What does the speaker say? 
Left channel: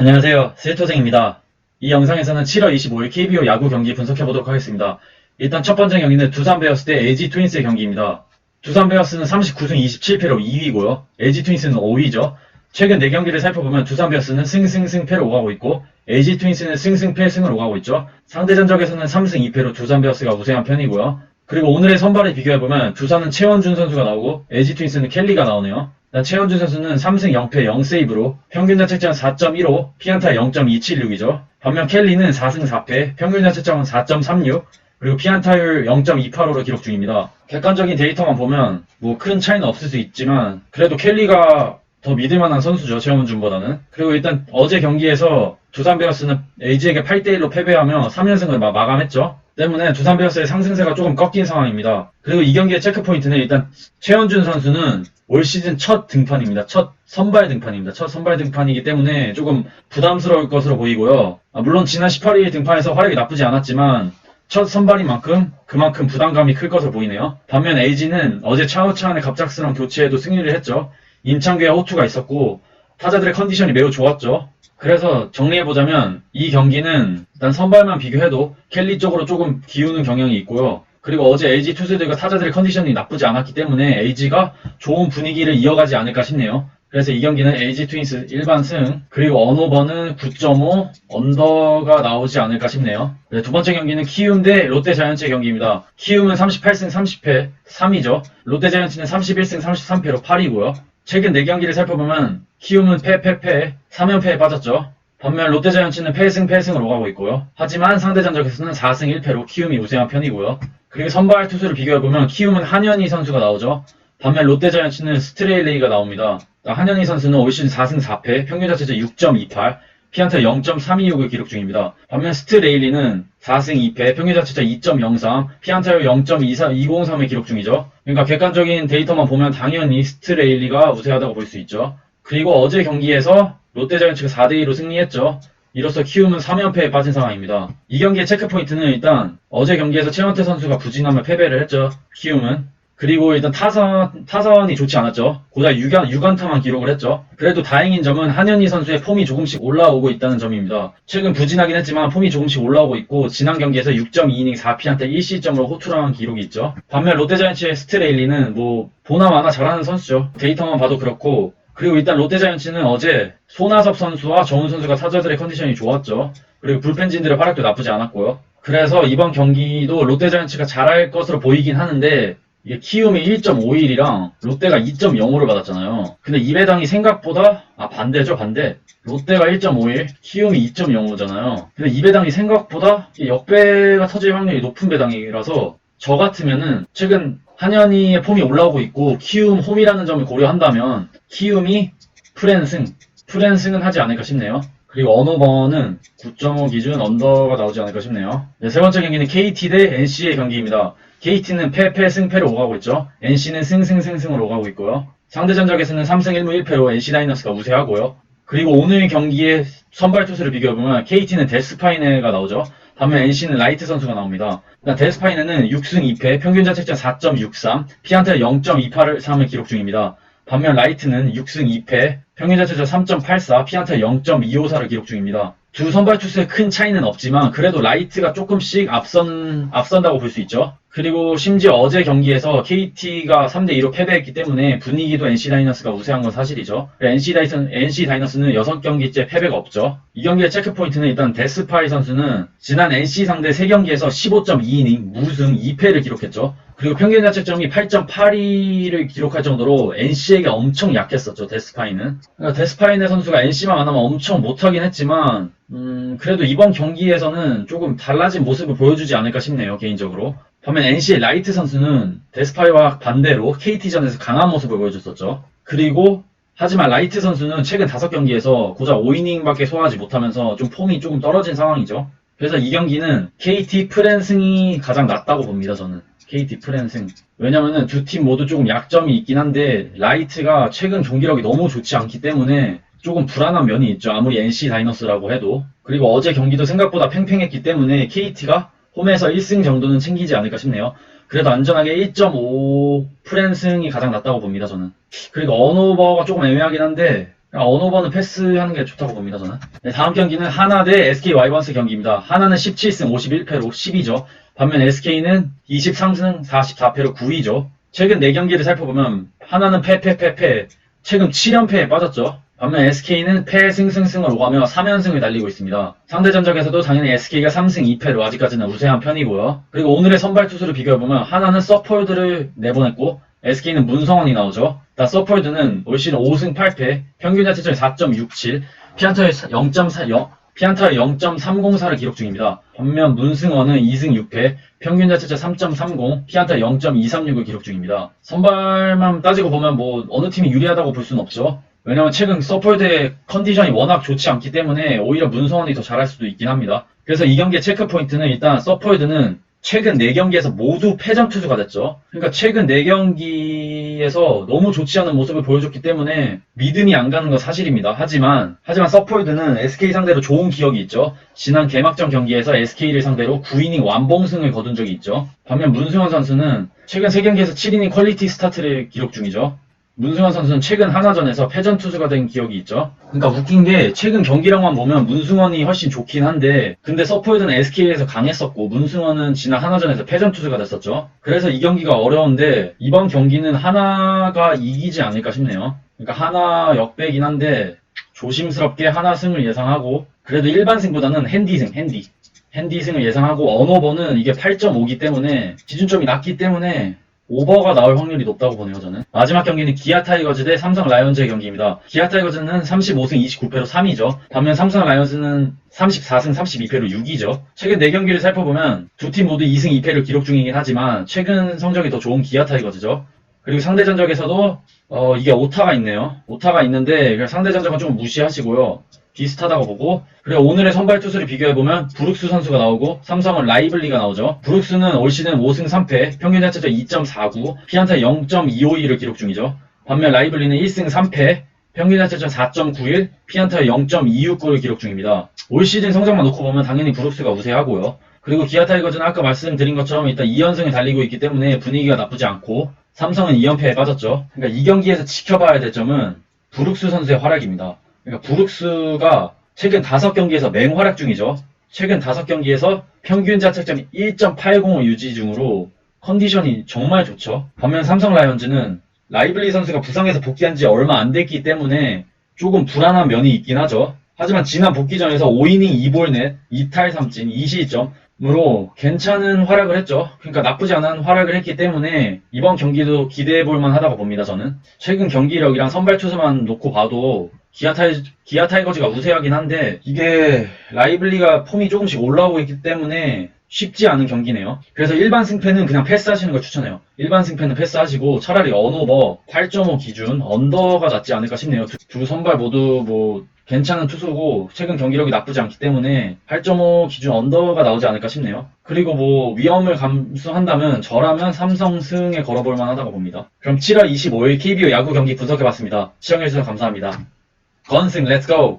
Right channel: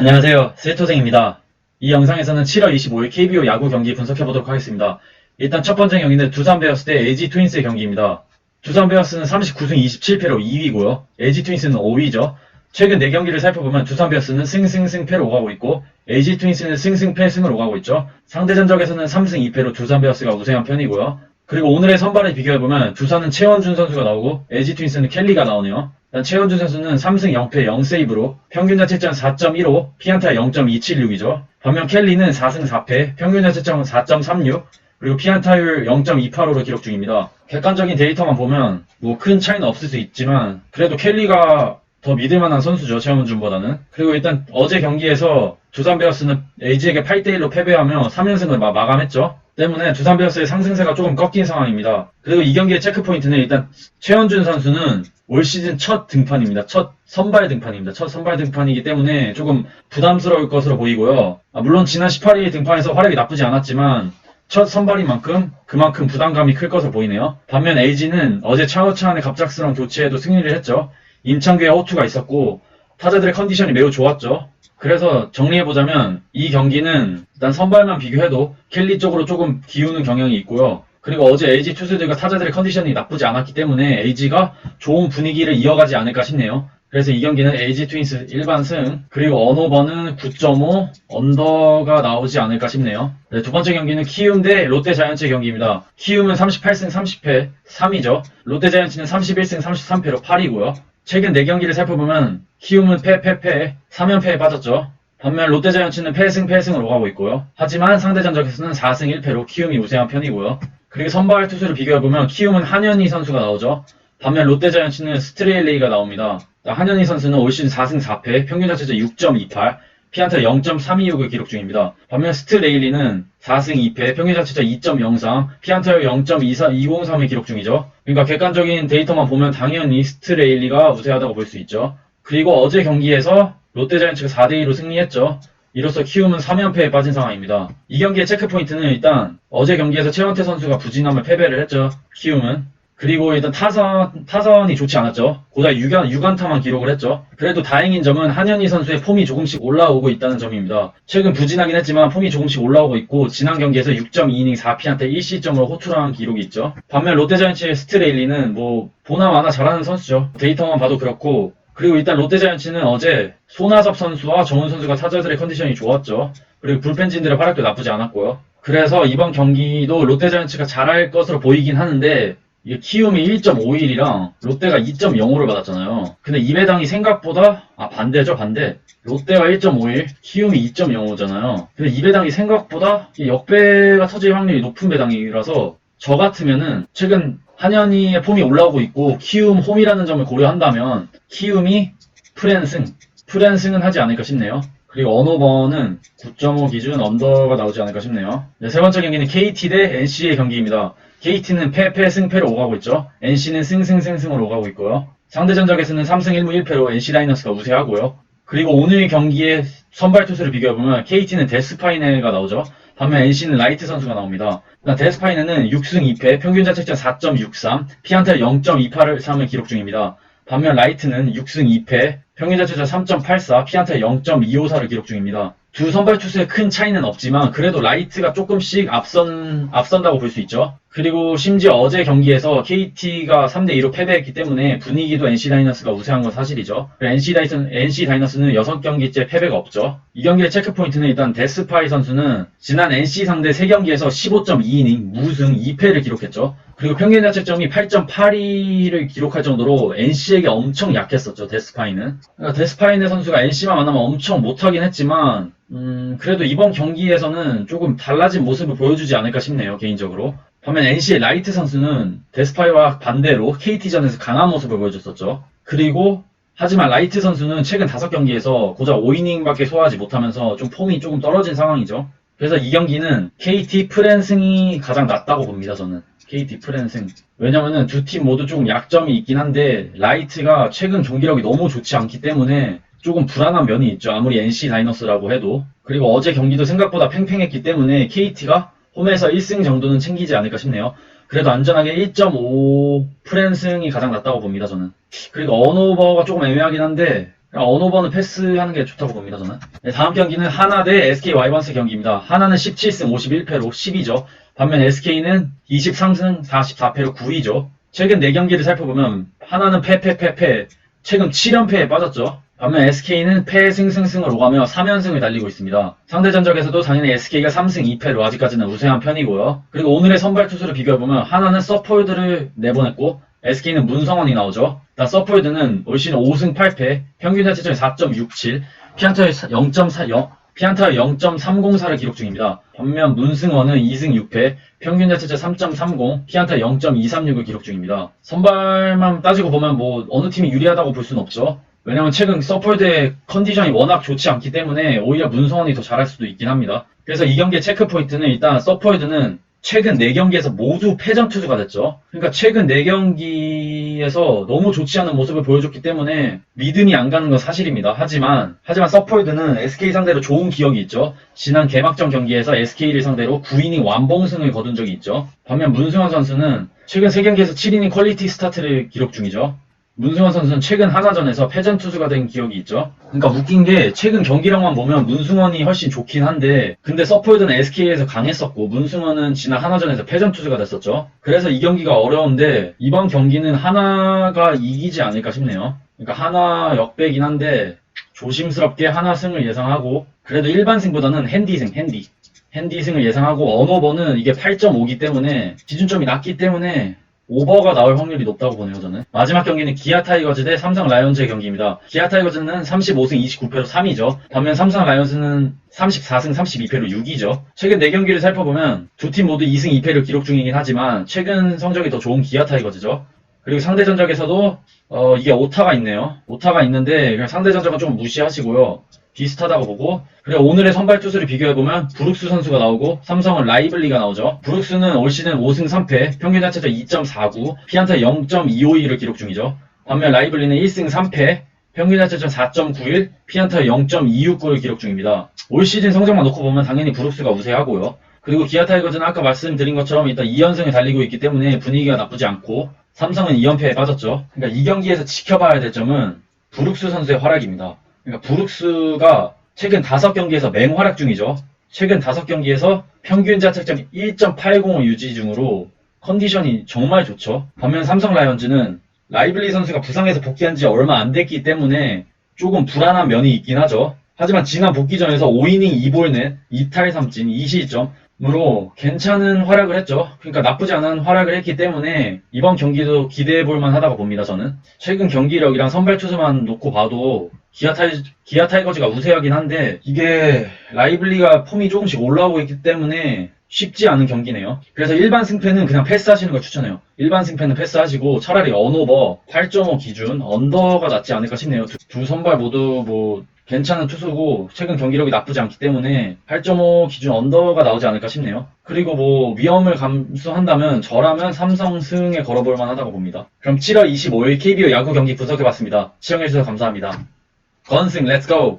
안녕하세요. 세토생입니다. 이 영상에서는 7월 25일 KBO 야구 경기 분석해보도록 하겠습니다. 일단 첫 번째 경기는 두산 베어스 대 LG 트윈스의 경기입니다. 두산 베어스는 39승 27패로 2위고요. LG 트윈스는 5위죠. 최근 4경기를 살펴보면 두산 베어스는 승승승패로 오가고 있고 LG 트윈스는 승승패승으로 오가고 있죠. 상대 전적에서는 3승 2패로 두산 베어스가 우세한 편이고요. 그리고 오늘의 선발을 비교해보면 두산은 최원준 선수가 나오고 LG 트윈스는 켈리가 나오네요. 일단 최원준 선수는 3승 0패 0세이브로 평균 자책점 4.15, 피안타 0.276이죠. 반면 켈리는 4승 4패, 평균 자책점 4.36, 그리고 피안타율 0.28호로 기록 중입니다. 객관적인 데이터만 보면 뭐 큰 차이는 없을 수 있지만 그래도 켈리가 더 믿을만한 선수죠. 최원준보다는. 그리고 일단 어제 경기에서 두산 베어스는 LG에게 8대1로 패배하며 3연승을 마감했죠. 때문에 두산 베어스의 상승세가 조금 꺾인 상황입니다. 그리고 이 경기의 체크포인트는 일단 최원준 선수는 올 시즌 첫 등판입니다. 첫 선발 등판입니다. 첫 선발 등판이기 때문에 조금 부담스러울 것으로 보이고요. 물론 지난 18일 등판에서 활약이 나쁘지 않았지만 첫 선발인 만큼 그만큼 부담감이 클 것으로 보이네요. 반면 LG는 어제 차우찬의 갑작스러운 교체에도 승리를 했죠. 임창규의 호투가 있었고 타자들의 컨디션이 매우 좋았죠. 그래서 정리해보자면 이 경기는 일단 선발만 비교해도 켈리 쪽으로 조금 기우는 경향이 있고요. 그리고 어제 LG 투수들과 타자들의 컨디션이 나쁘지 않았기 때문에 LG가 좋은 분위기를 이어가지 않을까 싶네요. 그래서 이 경기는 LG 트윈스 일반 승, 그리고 언오버는 9.5, 언더가 나오지 않을까 싶네요. 네, 두 번째 경기는 키움 대 롯데 자이언츠의 경기입니다. 키움은 38승 30패 3위죠. 롯데 자이언츠는 31승 33패로 8위고요. 최근 4경기를 살펴보면 키움은 패 3연패에 빠졌죠. 반면 롯데자이언츠는 패승으로 가고 있고요. 하지만 상대 전적에서는 4승 1패로 키움이 우세한 편이고요. 그리고 선발 투수를 비교해보면 키움은 한현희 선수가 나오죠. 반면 롯데자이언츠는 스트레일레이가 나옵니다. 한현희 선수는 올 시즌 4승 4패, 평균 자책점 6.28, 피안타 0.326을 기록 중입니다. 반면 스트레일리는 4승 2패, 평균 자책점 2.03, 피안타율 0.203을 기록 중이죠. 그러니까 객관적인 데이터만 보면 당연히 스트레일리가 우세하다고 볼 수 있죠. 그리고 어제 경기에서 롯데자이언츠가 4대2로 승리했죠. 이로써 키움은 3연패에 빠진 상황입니다. 이 경기의 체크포인트는 일단 어제 경기에서 최원태 선수가 부진하며 패배를 했죠. 키움은. 그리고 일단 타선이 좋지 않았죠. 고작 6안타만 기록을 했죠. 그래도 다행인 점은 한현희 선수의 폼이 조금씩 올라오고 있다는 점입니다. 최근 부진하긴 했지만 폼이 조금씩 올라오고 있고 지난 경기에서 6.2이닝 4피안타 1실점으로 호투를 기록이 있죠. 반면 롯데자이언츠의 스트레일리는 뭐 보나마나 잘하는 선수죠. 데이터만 봐도 그렇고 그리고 일단 롯데자이언츠는 어제 손아섭 선수와 정훈 선수가 타자들의 컨디션이 좋았죠. 그리고 불펜진들의 활약도 나쁘지 않았고요. 그래서 이번 경기도 롯데자이언츠가 잘할 것으로 보이긴 하는데 이게 키움이 1.51이랑 롯데가 2.05를 받았잖아요. 근데 이 배당이 생각보다 반대죠. 롯데가 1.51, 키움이 2.05잖아요. 근데 이 배당이 생각보다 역배가 터질 확률이 높은 배당이라서 저 같으면은 최근 한현희의 폼이 올라오고 있고 키움 홈이라는 점을 고려한다면 키움이 프랜승은 하지 않을까 싶네요. 그리고 언오버는 9.5 기준 언더가 나오지 않을까 싶네요. 네, 세 번째 경기는 KT 대 NC의 경기입니다. KT는 패승패로 오가고 있죠. NC는 승승승승으로 오가고 있고요. 상대 전적에서는 3승 1무 1패로 NC 다이너스가 우세하고요. 그리고 오늘 경기의 선발 투수를 비교해보면 KT는 데스파이네가 나오죠. 반면 NC는 라이트 선수가 나옵니다. 데스파이네는 6승 2패, 평균 자책점 4.63, 피안타 0.283을 기록 중입니다. 반면 라이트는 6승 2패, 평균 자책점 3.84, 피안타 0.254를 기록 중입니다. 두 선발 투수의 큰 차이는 없지만 그래도 라이트가 조금씩 앞선다고 볼 수 있죠. 그리고 심지어 어제 경기에서 KT가 3대2로 패배했기 때문에 분위기도 NC 다이너스가 우세한 건 사실이죠. NC 다이너스는 6경기째 패배가 없죠. 이 경기의 체크포인트는 일단 데스파이 선수는 지난 NC 상대 3경기에서 15.2이닝 무승 2패를 기록했죠. 그리고 평균 자책점이 8.82를 기록할 정도로 NC에게 엄청 약했었죠. 데스파이는. 그러니까 데스파이네 선수가 NC만 만나면 엄청 못하긴 했지만 그래도 이번 경기에서는 조금 달라진 모습을 보여주지 않을까 싶네요. 개인적으로. 반면 NC의 라이트 선수는 데스파이와 반대로 KT전에서 강한 모습을 보여줬었죠. 그리고 하지만 라이트 선수는 최근 5경기에서 고작 5이닝밖에 소화하지 못하면서 좀 폼이 조금 떨어진 상황이죠. 그래서 이 경기는 KT 프랜승이 가장 낫다고 봅니다. 저는. KT 프랜승. 왜냐면은 두 팀 모두 조금 약점이 있긴 한데 라이트가 최근 경기력이 너무 좋지 않기 때문에 조금 불안한 면이 있죠. 아무리 NC 다이너스라고 해도. 그리고 어제 경기도 생각보다 팽팽했기 때문에 KT가 홈에서 1승 정도는 챙기지 않을까 싶네요. 그래도 안전하게 1.5 프랜승이 가장 낫다고 봅니다. 저는. 그리고 언오버가 조금 애매하긴 한데 언오버는 패스하는 게 좋다고 봅니다, 저는. 네, 다음 경기는 하나 대 SK 와이번스 경기입니다. 하나는 17승 51패로 10위죠. 반면 SK는 23승 44패로 9위죠. 최근 4경기를 살펴보면 하나는 패, 최근 7연패에 빠졌죠. 반면 SK는 패승승승을 오가며 3연승을 달리고 있습니다. 상대 전적에서도 당연히 SK가 3승 2패로 아직까지는 우세한 편이고요. 그리고 오늘의 선발 투수를 비교해보면 하나는 서폴드를 내보냈고 SK는 문성원이 나오죠. 서폴드는 올 시즌 5승 8패, 평균 자책점이 4.67, 피안타의 0.304를 기록 중입니다. 반면 문승원은 2승 6패, 평균 자책점 3.30, 피안타 0.236을 기록 중입니다. 선발만 따지고 보면 뭐 어느 팀이 유리하다고 볼 수는 없죠. 왜냐면 최근 서폴드의 컨디션이 워낙 좋지 않기 때문에 오히려 문성원이 더 잘할 수도 있긴 합니다. 그래서 이 경기의 체크 포인트는 일단 서폴드는 최근 4경기에서 모두 패전 투수가 됐죠. 그러니까 최근 4경기에서 너무 좋지 않은 모습을 보여줬기 때문에 믿음이 안 가는 건 사실입니다. 하지만 서폴드는 SK 상대로 좋은 기억이 있죠. 지난 개막전 경기에서 SK를 상대로 9이닝 완봉승을 거둔 적이 있죠. 반면 문승원 선수는 최근 3경기에서 7이닝 퀄리티 스타트를 기록 중이죠. 문승원 선수는 최근 하나전에서 패전 투수가 된 기억이 있죠. 그러니까 웃긴 게 최근 경기력만 보면 문승원이 훨씬 좋긴 한데 근데 서폴드는 SK에서 강했었고 문승원은 지난 하나전에서 패전 투수가 됐었죠. 그래서 이 경기가 어려운데 이번 경기는 하나가 이기지 않을까 싶네요. 그러니까 하나 역배긴 한데 조심스럽게 하나 승을 예상하고 그래도 일반 승보다는 핸디승을 예상하고 언오버는 이게 8.5기 때문에 기준점이 낮기 때문에 오버가 나올 확률이 높다고 보네요, 저는. 마지막 경기는 기아 타이거즈 대 삼성 라이온즈의 경기입니다. 기아 타이거즈는 35승 29패로 3위죠. 반면 삼성 라이온즈는 34승 32패로 6위죠. 최근 4경기를 살펴보면 두 팀 모두 2승 2패를 기록 중이긴 하지만 최근 성적이 더 좋은 기아 타이거즈죠. 그리고 상대 전적에서도 이게 오타가 있네요. 오타가 있는데 상대 전적은 좀 무시하시고요. 비슷하다고 보고 그리고 오늘의 선발 투수를 비교해보면 브룩스 선수가 나오고 삼성은 라이블리가 나오죠. 브룩스는 올 시즌 5승 3패, 평균 자책점 2.49, 피안타 0.252를 기록 중이죠. 반면 라이블리는 1승 3패, 평균 자책점 4.91, 피안타 0.269를 기록 중입니다. 올 시즌 성적만 놓고 보면 당연히 브룩스가 우세하고요. 그리고 기아 타이거즈는 아까 말씀드린 것처럼 일단 2연승을 달리고 있기 때문에 분위기가 나쁘지 않고 삼성은 2연패에 빠졌죠. 그러니까 이 경기에서 지켜봐야 될 점은 브룩스 선수의 활약입니다. 그러니까 브룩스가 최근 5경기에서 맹활약 중이죠. 최근 5경기에서 평균 자책점 1.80을 유지 중으로 컨디션이 정말 좋죠. 반면 삼성 라이온즈는 라이블리 선수가 부상에서 복귀한 지 얼마 안 됐기 때문에 조금 불안한 면이 있긴 하죠. 하지만 지난 복귀전에서 5이닝 2볼넷, 2탈 3진, 2실점으로 괜찮은 활약을 했죠. 그러니까 나쁘지 않은 활약을 했기 때문에 이번 경기도 기대해볼 만하다고 봅니다, 저는. 최근 경기력이랑 선발 투수만 놓고 봐도 기아 타이거즈가 우세하긴 한데 이게 라이블리가 폼이 조금씩 올라오고 있기 때문에 쉽지 않은 경기네요. 그래서 일반 승패는 그냥 패스하시는 걸 추천해요. 일반 승패는 패스하시고 차라리 언오버 8.5 기준 언더가 낫지 않을까 싶네요. 두 선발 모두 뭐 괜찮은 투수고 최근 경기력이 나쁘지 않기 때문에 8.5 기준 언더가 나오지 않을까 싶네요. 그리고 뭐 위험을 감수한다면 저라면 삼성 승에 걸어볼 만하다고 봅니다. 그럼 7월 25일 KBO 야구 경기 분석해봤습니다. 시청해주셔서 감사합니다. 건승 렛츠고!